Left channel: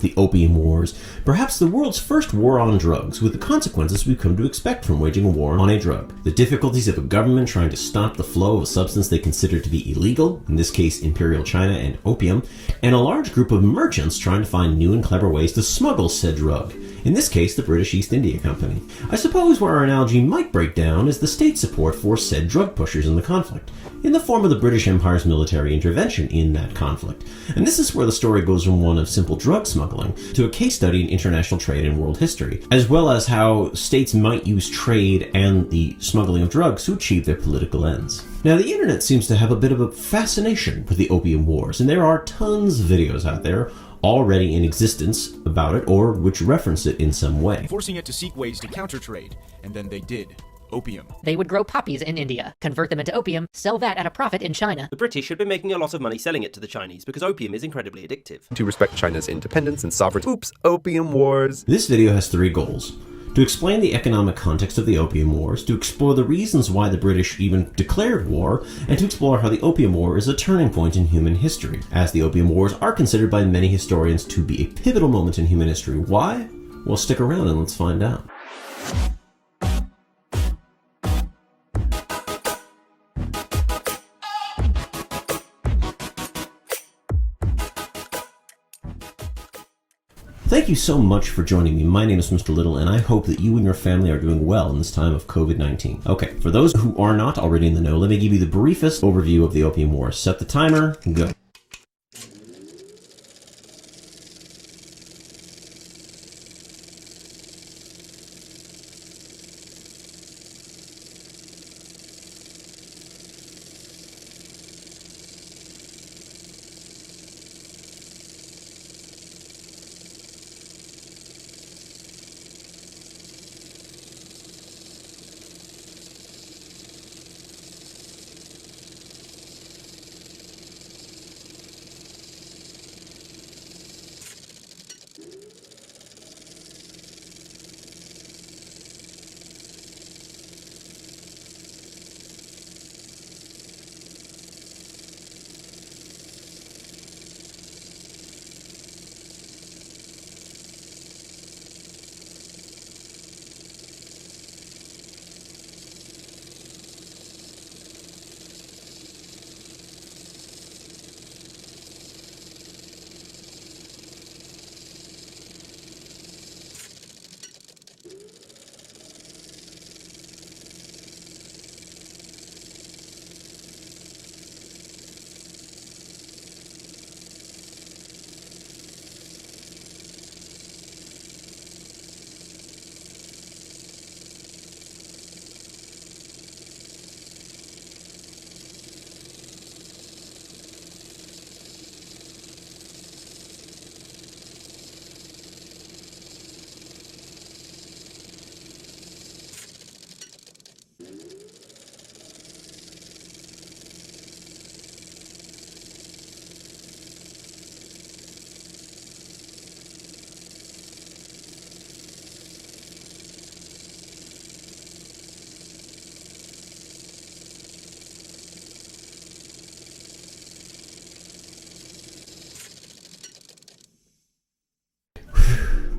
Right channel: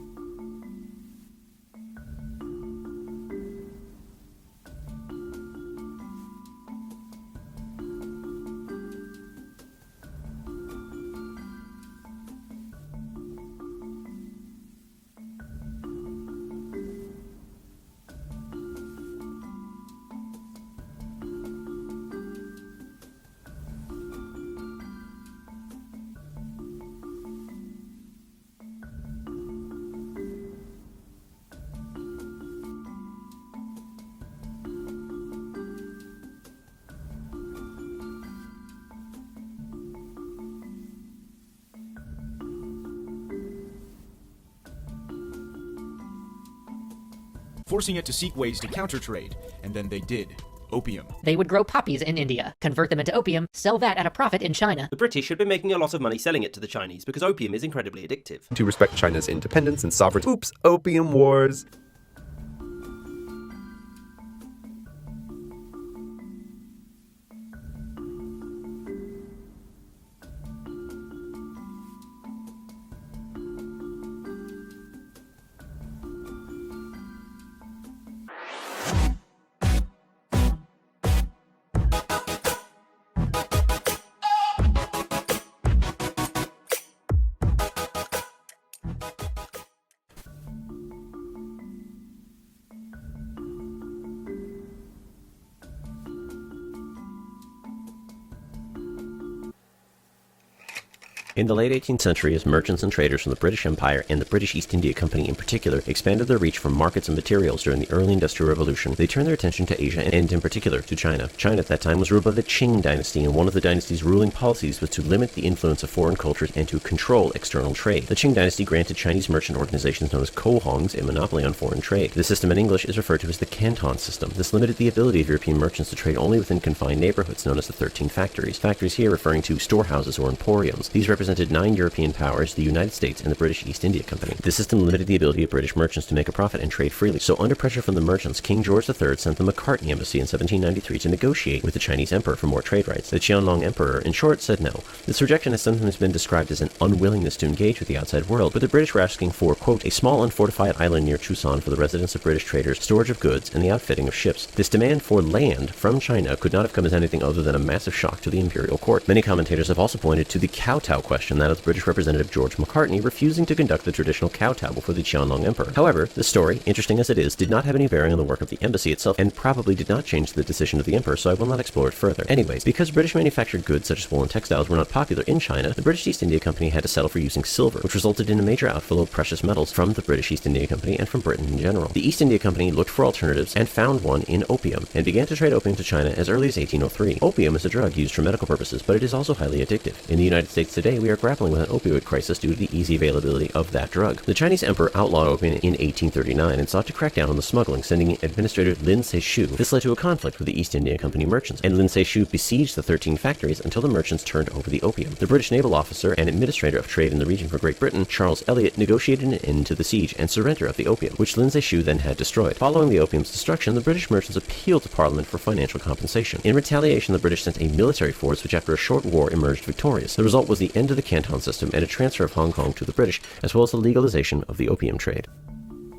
The Opium Wars. Perhaps the world's first war on drugs, with the consequences we've come to expect from waging a war on a drug. The difficulties of a government trying to stop the flow of a substance they consider to be illegal, in this case Imperial China and opium, and a large group of merchants trying to find new and clever ways to smuggle said drug, in this case the British East India Company. I suppose where our analogy might break down is the state support for said drug pushers in the conflict, in the form of the British Empire's military intervention in that conflict. And this is where the story goes from one of simple drug smuggling to a case study in international trade and world history, as well as how states might use trade and the smuggling of drugs to achieve their political ends. Now, the internet seems to have a bit of a fascination with the Opium Wars, and there are tons of videos out there already in existence about it or which reference it in some way, forcing it to seek ways to counter trade, and then they did. Opium. They would grow poppies in India, convert them into opium, sell that at a profit in China. The British had been making a lot of money selling it to the Chinese because opium is incredibly addictive. To respect China's independence and sovereignty. Oops, Opium Wars. This video has 3 goals. To explain the economic context of the Opium Wars, to explore the reasons why the British even declared war, and to explore how the Opium War is a turning point in human history, as the Opium Wars are considered by many historians to be a pivotal moment in human history. Why? Well, stick around and let's find out. Thank you so much for joining me. My name is Mr. Little, and I hope that you and your family are doing well in this time of COVID-19. Okay, for those who are not already in the know, let me give you the briefest overview of the Opium Wars. Set the timer, go. In the late 18th century, as merchants and traders from the British Empire and the British East India Company in particular expanded their reach from markets and materials during the early Industrial Revolution, they turned their attention to Asia and in particular to China. China at that time was ruled by the Qing dynasty, and one of the dynasty's ruling policies was to limit the influence of foreign cultures and to control external trade. The Qing dynasty granted Chinese merchant organizations known as cohongs a monopoly on foreign trade. The system in English is referred to as the Canton system. This limited the ability of European merchants to trade only within confined neighborhoods known as the 13 factories. Factories here referring to storehouses or emporiums. These represented 9 European powers, the United States and the British East India Company. This system limited the ability of British merchants to make a profit and trade freely. So under pressure from the merchants, King George III sent the Macartney Embassy in 1793 to negotiate with the Chinese emperor for more trade rights. The Qianlong Emperor, in short, said no. This rejection has sometimes been described as an unwillingness to engage with the outside world, but the British were asking for, quote, a small unfortified island near Chusan for the residence of British traders, storage of goods, and the outfitting of ships. This demand for land from China could not have come as anything other than a massive shock to the imperial court. Many commentators have also pointed to the kowtow question, that of British Representative George Macartney refusing to conduct the traditional kowtow before the Qianlong Emperor. However, this story, interesting as it is, did not have any bearing on the work of the embassy itself and probably did not change the decision of the emperor, so I will not explore it further. Anyways, because British manufactured goods such as wool and textiles were not popular in China, the British East India Company had to settle for using silver, which resulted in a major outflow of precious metals from the British East India Company and from Britain in general. The East India Company looked for alternatives and found one in opium, and began to trade opium to China as early as 1803. Opium is a drug used for medical purposes, but it is also highly addictive. In the United States today, we are grappling with an opioid crisis due to the easy availability of that drug. The Chinese emperor outlawed opium in 1839 and sought to crack down on the smuggling, sending Administrator Lin Se-shu. This led to a conflict with the East India Company merchants, and Lin Se-shu besieged the 13 factories until the merchants turned over the opium. The British naval officer and administrator of trade in the region for Great Britain, Charles Elliot, negotiated an end to the siege and surrender of the opium, which Lin Se-shu then had destroyed. Following the opium's destruction, the British merchants appealed to Parliament for financial compensation. In retaliation, the British sent a military force which after a short war emerged victorious. The result was the end of the Canton system and a transfer of Hong Kong to the British, as well as the legalization of the opium trade.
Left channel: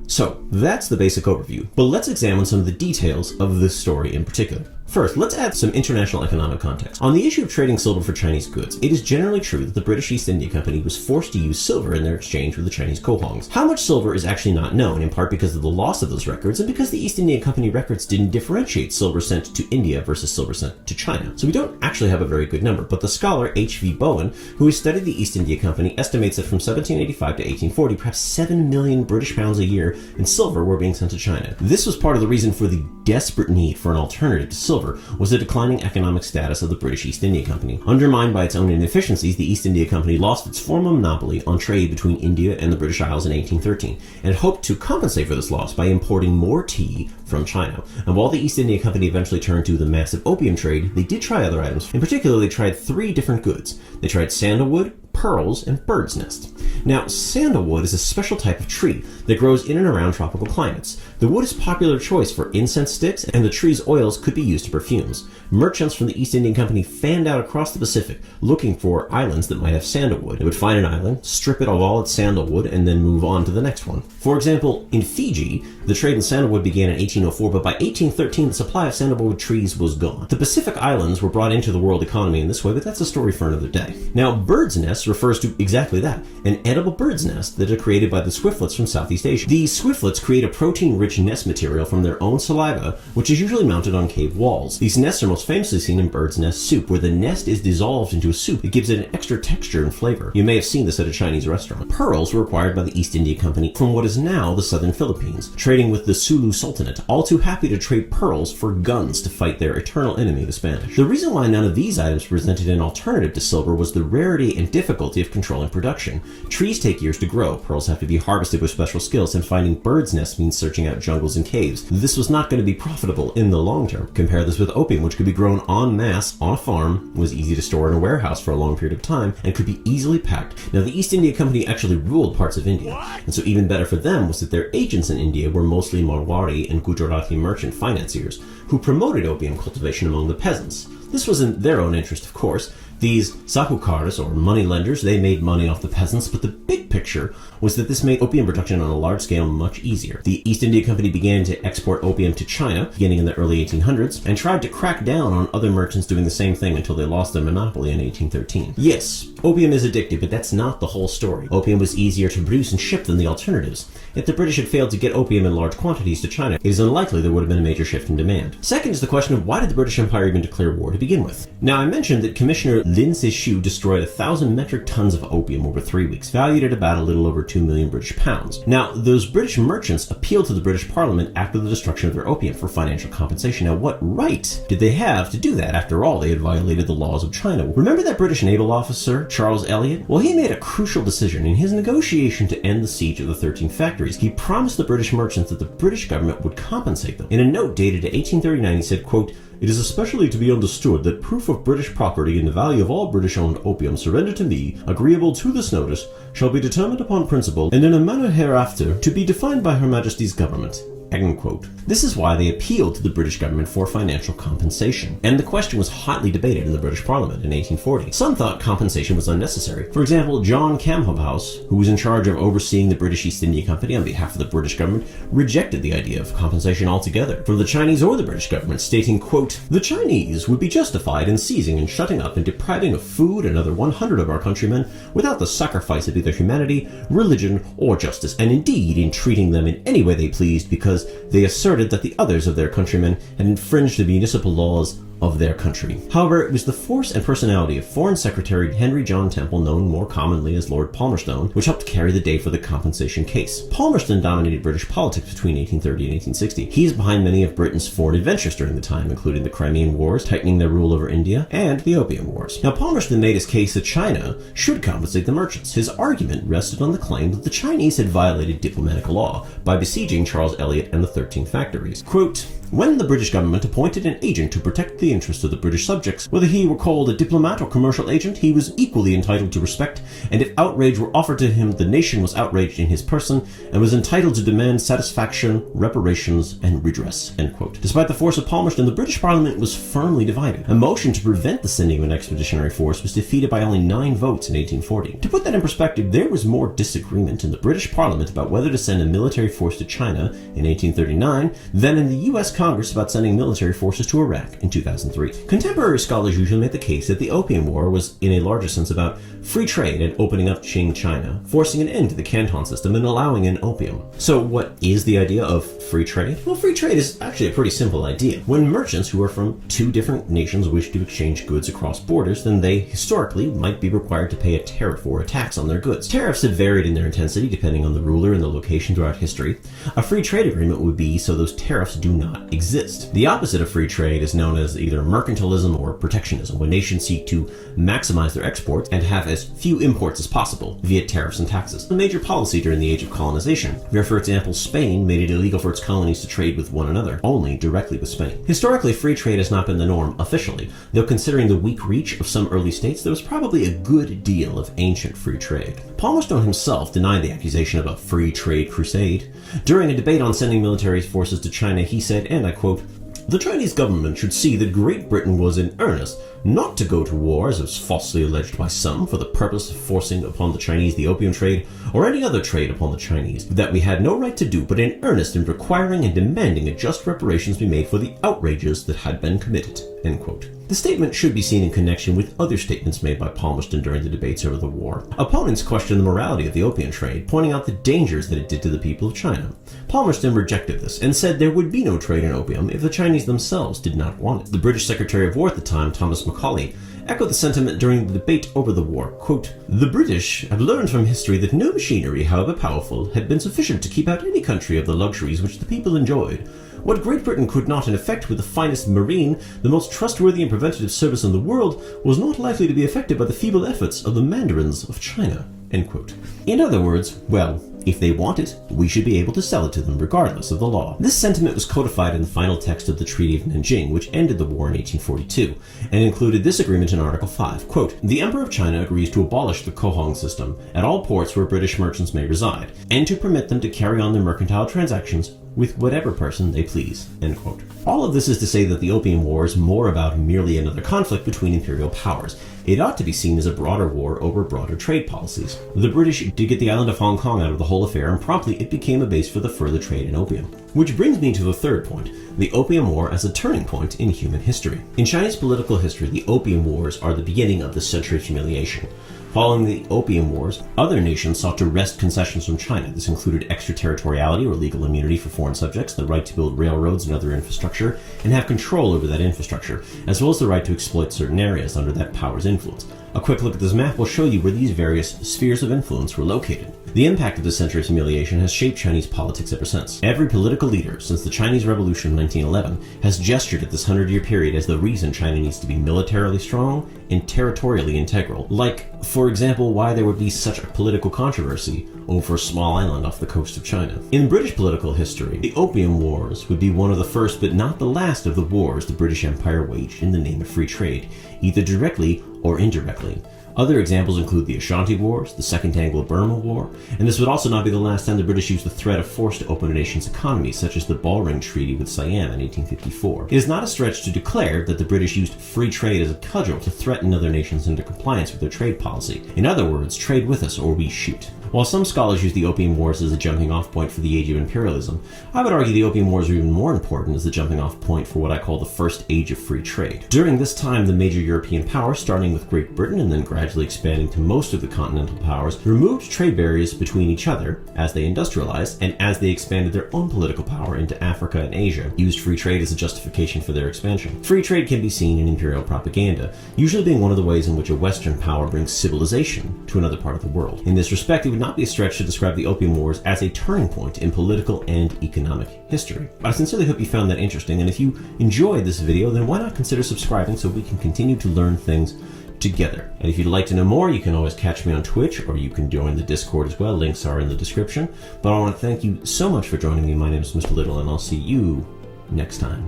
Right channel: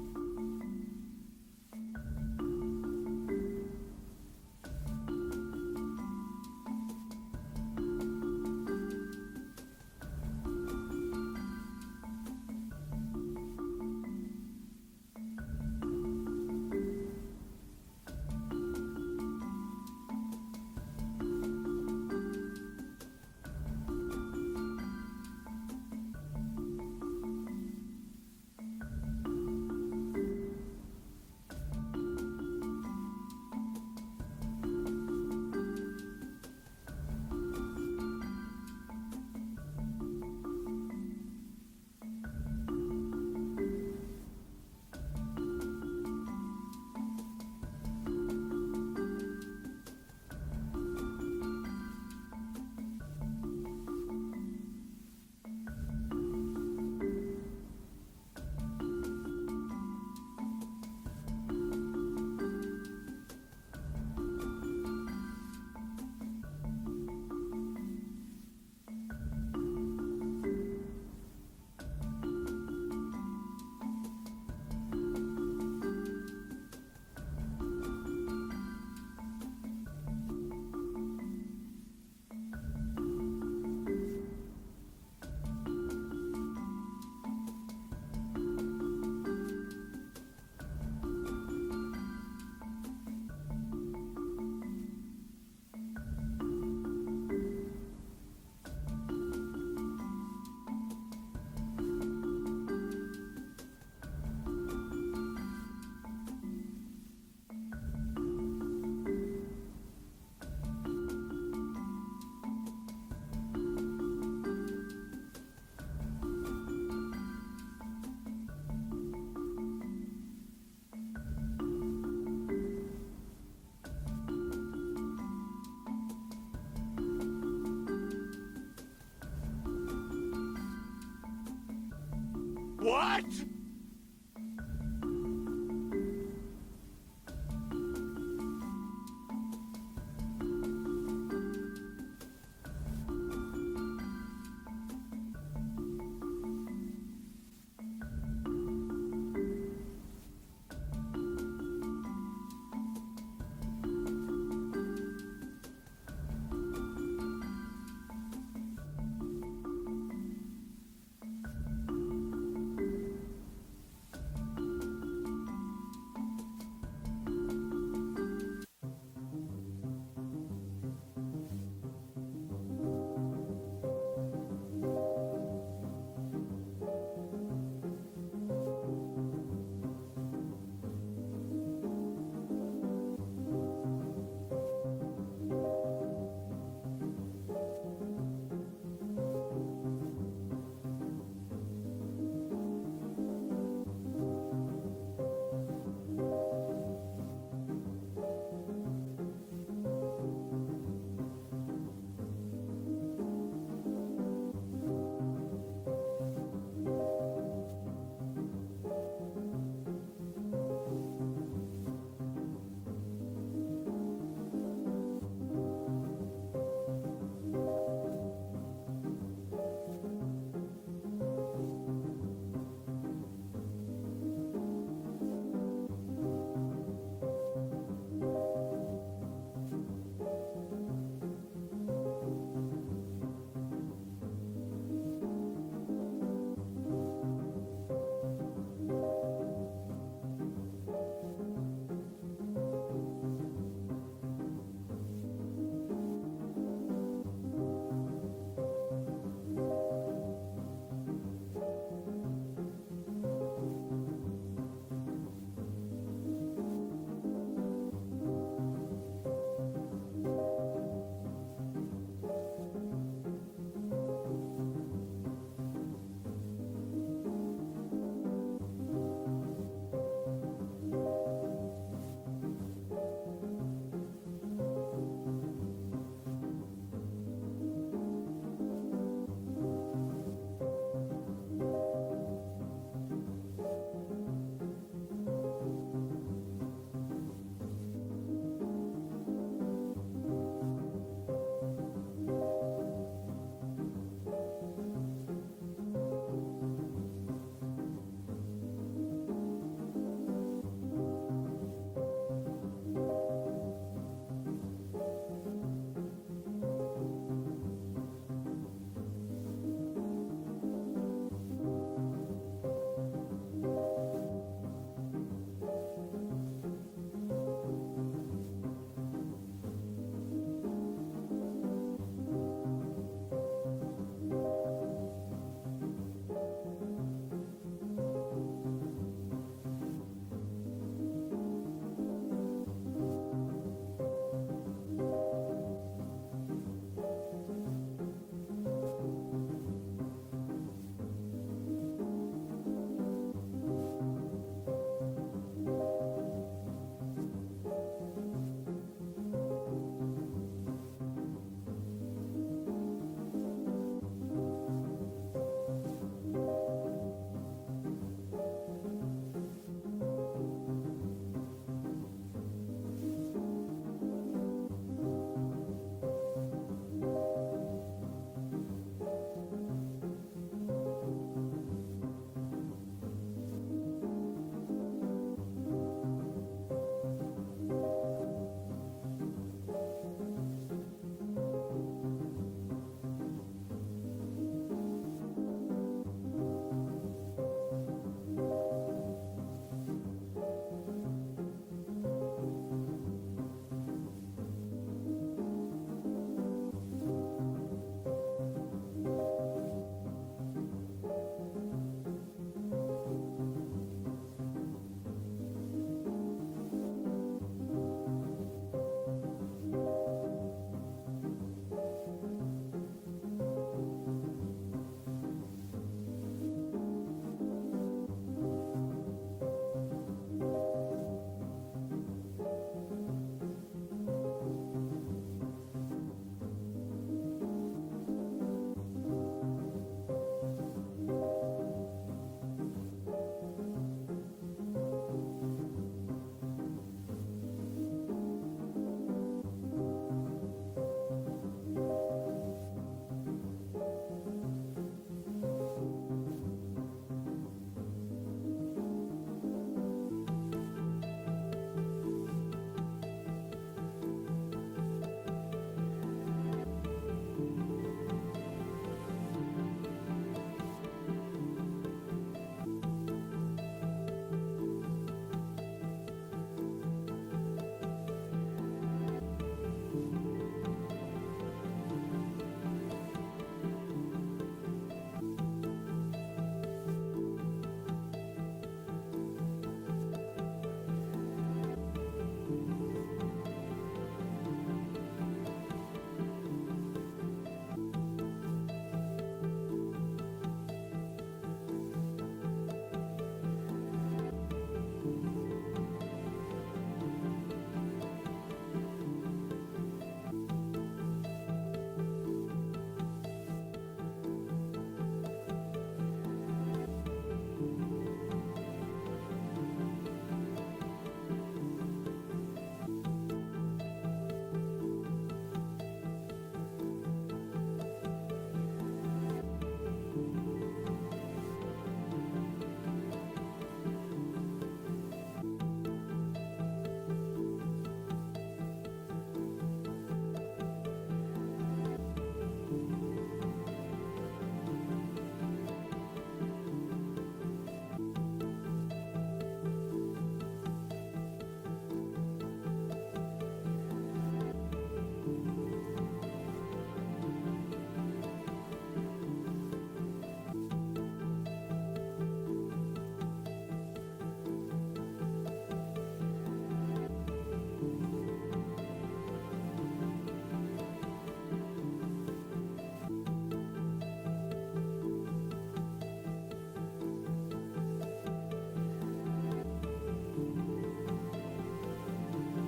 So, that's the basic overview, but let's examine some of the details of this story in particular. First, let's add some international economic context. On the issue of trading silver for Chinese goods, it is generally true that the British East India Company was forced to use silver in their exchange with the Chinese cohongs. How much silver is actually not known, in part because of the loss of those records and because the East India Company records didn't differentiate silver sent to India versus silver sent to China. So we don't actually have a very good number, but the scholar H.V. Bowen, who has studied the East India Company, estimates that from 1785 to 1840, perhaps 7 million British pounds a year in silver were being sent to China. This was part of the reason for the desperate need for an alternative to silver, was the declining economic status of the British East India Company. Undermined by its own inefficiencies, the East India Company lost its former monopoly on trade between India and the British Isles in 1813, and hoped to compensate for this loss by importing more tea from China. And while the East India Company eventually turned to the massive opium trade, they did try other items. In particular, they tried 3 different goods. They tried sandalwood, pearls, and bird's nest. Now, sandalwood is a special type of tree that grows in and around tropical climates. The wood is a popular choice for incense sticks, and the tree's oils could be used to perfumes. Merchants from the East Indian Company fanned out across the Pacific looking for islands that might have sandalwood. They would find an island, strip it of all its sandalwood, and then move on to the next one. For example, in Fiji, the trade in sandalwood began in 1804, but by 1813 the supply of sandalwood trees was gone. The Pacific Islands were brought into the world economy in this way, but that's a story for another day. Now, bird's nest refers to exactly that, an edible bird's nest that are created by the swiftlets from Southeast Asia. These swiftlets create a protein-rich nest material from their own saliva, which is usually mounted on cave walls. These nests are most famously seen in bird's nest soup, where the nest is dissolved into a soup. It gives it an extra texture and flavor. You may have seen this at a Chinese restaurant. Pearls were acquired by the East India Company from what is now the southern Philippines, trading with the Sulu Sultanate, all too happy to trade pearls for guns to fight their eternal enemy, the Spanish. The reason why none of these items presented an alternative to silver was the rarity and difficulty of controlling production. Trees take years to grow, pearls have to be harvested with special skills, and finding bird's nests means searching out jungles and caves. This was not going to be profitable in the long term. Compare this with opium, which could be grown en masse on a farm, was easy to store in a warehouse for a long period of time, and could be easily packed. Now, the East India Company actually ruled parts of India, and so even better for them was that their agents in India were mostly Marwari and Gujarati merchant financiers, who promoted opium cultivation among the peasants. This was in their own interest, of course. These sakukars, or moneylenders, they made money off the peasants, but the big picture was that this made opium production on a large scale much easier. The East India Company began to export opium to China, beginning in the early 1800s, and tried to crack down on other merchants doing the same thing until they lost their monopoly in 1813. Yes, opium is addictive, but that's not the whole story. Opium was easier to produce and ship than the alternatives. If the British had failed to get opium in large quantities to China, it is unlikely there would have been a major shift in demand. Second is the question of why did the British Empire even declare war to begin with? Now, I mentioned that Commissioner Lin Se-shu destroyed 1,000 metric tons of opium over 3 weeks, valued at about a little over 2 million British pounds. Now, those British merchants appealed to the British Parliament after the destruction of their opium for financial compensation. Now, what right did they have to do that? After all, they had violated the laws of China. Remember that British naval officer, Charles Elliot? Well, he made a crucial decision in his negotiation to end the siege of the 13 factories. He promised the British merchants that the British government would compensate them. In a note dated 1839, he said, quote, "It is especially to be understood that proof of British property in the value of all British-owned opium surrendered to me, agreeable to this notice, shall be determined upon principle, and in a manner hereafter to be defined by Her Majesty's government." End quote. This is why they appealed to the British government for financial compensation, and the question was hotly debated in the British Parliament in 1840. Some thought compensation was unnecessary. For example, John Camhobhouse, who was in charge of overseeing the British East India Company on behalf of the British government, rejected the idea of compensation altogether from the Chinese or the British government, stating, quote, "The Chinese would be justified in seizing and shutting up and depriving of food another 100 of our countrymen without the sacrifice of either humanity, religion, or justice, and indeed in treating them in any way they pleased, because they asserted that the others of their countrymen had infringed the municipal laws of their country." However, it was the force and personality of Foreign Secretary Henry John Temple, known more commonly as Lord Palmerston, which helped carry the day for the compensation case. Palmerston dominated British politics between 1830 and 1860. He is behind many of Britain's foreign adventures during the time, including the Crimean Wars, tightening their rule over India, and the Opium Wars. Now, Palmerston made his case that China should compensate the merchants. His argument rested on the claim that the Chinese had violated diplomatic law by besieging Charles Elliot and the 13 factories. Quote, "When the British government appointed an agent to protect the interests of the British subjects, whether he were called a diplomat or commercial agent, he was equally entitled to respect, and if outrage were offered to him, the nation was outraged in his person, and was entitled to demand satisfaction, reparations, and redress." End quote. Despite the force of Palmerston, the British Parliament was firmly divided. A motion to prevent the sending of an expeditionary force was defeated by only 9 votes in 1840. To put that in perspective, there was more disagreement in the British Parliament about whether to send a military force to China in 1839 than in the U.S. Congress about sending military forces to Iraq in 2003. Contemporary scholars usually make the case that the Opium War was, in a larger sense, about free trade and opening up Qing China, forcing an end to the Canton system and allowing in opium. So what is the idea of free trade? Well, free trade is actually a pretty simple idea. When merchants who are from 2 different nations wish to exchange goods across borders, then they historically might be required to pay a tariff or a tax on their goods. Tariffs have varied in their intensity depending on the ruler and the location throughout history. A free trade agreement would be so those tariffs do not exist. The opposite of free trade is known as either mercantilism or protectionism, when nations seek to maximize their exports and have as few imports as possible via tariffs and taxes. A major policy during the age of colonization, where, for example, Spain made it illegal for its colonies to trade with one another, only directly with Spain. Historically, free trade has not been the norm officially, though considering the weak reach of some early states, there was probably a good deal of ancient free trade. Palmerston himself denied the accusation of a free trade crusade. During a debate on sending military forces to China, he said, and I quote, "The Chinese government should see that Great Britain was in earnest not to go to war, as was falsely alleged by some, for the purpose of forcing upon the Chinese the opium trade, or any other trade upon the Chinese, that we had no right to do, but in earnest in requiring and demanding a just reparations be made for the outrages that had been committed." End quote. The statement should be seen in connection with other statements made by Palmerston during the debates over the war. Opponents questioned the morality of the opium trade, pointing out the dangers that it did to the people of China. Palmerston rejected this and said there would be no trade in opium if the Chinese themselves did not want it. The British Secretary of War at the time, Thomas Macaulay, echoed the sentiment during the debate over the war. Quote, "The British have learned from history that no machinery, however powerful, had been sufficient to keep out any country of the luxuries which the people enjoyed. What Great Britain could not in effect with the finest marine, the most trustworthy and preventative service in the world, was not likely to be effected by the feeble efforts of the mandarins of China." End quote. In other words, well, if they want it, we should be able to sell it to them regardless of the law. This sentiment was codified in the final text of the Treaty of Nanjing, which ended the war in 1842, and included this agreement in Article 5, quote, "The Emperor of China agrees to abolish the Kohong system at all ports where British merchants may reside, and to permit them to carry on their mercantile transactions with whatever person they please." End quote. All of this is to say that the Opium War is more about merely another conflict between imperial powers. It ought to be seen as a broader war over broader trade policies. The British did get the island of Hong Kong out of the whole affair, and promptly it became a base for the further trade in opium. Which brings me to the third point, the Opium War as a turning point in human history. In Chinese political history, the Opium Wars are the beginning of the Century of Humiliation. Following the Opium Wars, other nations sought to wrest concessions from China. This included extraterritoriality or legal immunity for foreign subjects, the right to build railroads and other infrastructure, and have control over that infrastructure, as well as the right to exploit certain areas under that power's influence. A quick look at this map will show you where these various spheres of influence were located. The impact of the Century of Humiliation has shaped Chinese politics ever since. Every political leader since the Chinese Revolution of 1911 has gestured at this 100-year period as the reason China needs to be militarily strong and territorially integral. Like, for example, why there would be such a political controversy over a small island off the coast of China. In British political history, the Opium Wars would be one of the first but not the last of the wars the British Empire waged in the name of free trade, either directly or indirectly. Other examples include the Ashanti Wars, the Second Anglo-Burma War, and this would also not be the last time the British used the threat of force to open a nation's economy, such as the Bowring Treaty with Siam in 1854. It is not a stretch to declare that the British used free trade as a cudgel to threaten other nations into compliance with their trade policy. In other words, trade with us or we shoot. While some scholars use the Opium Wars as a jumping-off point for the age of imperialism, I would argue the Opium Wars are even more important as the jumping-off point for what I call the first age of free trade. During this time, the major European powers, starting with Great Britain and then gradually expanding to most of the continental powers, removed trade barriers between each other as they industrialized and as they expanded their own political power into Africa and Asia, used free trade as a justification for their expansion. Free trade can be seen in imperial propaganda, usually being one of the ways in which a Western power brings civilization to another part of the world. In this respect, it would not be a stretch to describe the Opium Wars as a turning point in political and economic history. I sincerely hope you found that interesting, and if you enjoyed this video, then why not consider subscribing so we can continue to learn things together. And if you'd like to know more, you can always catch me on Twitch, or you can join the Discord as well. Links are in the description. But I want to thank you so much for joining me. My name is Mr. Little, and I'll see you next time.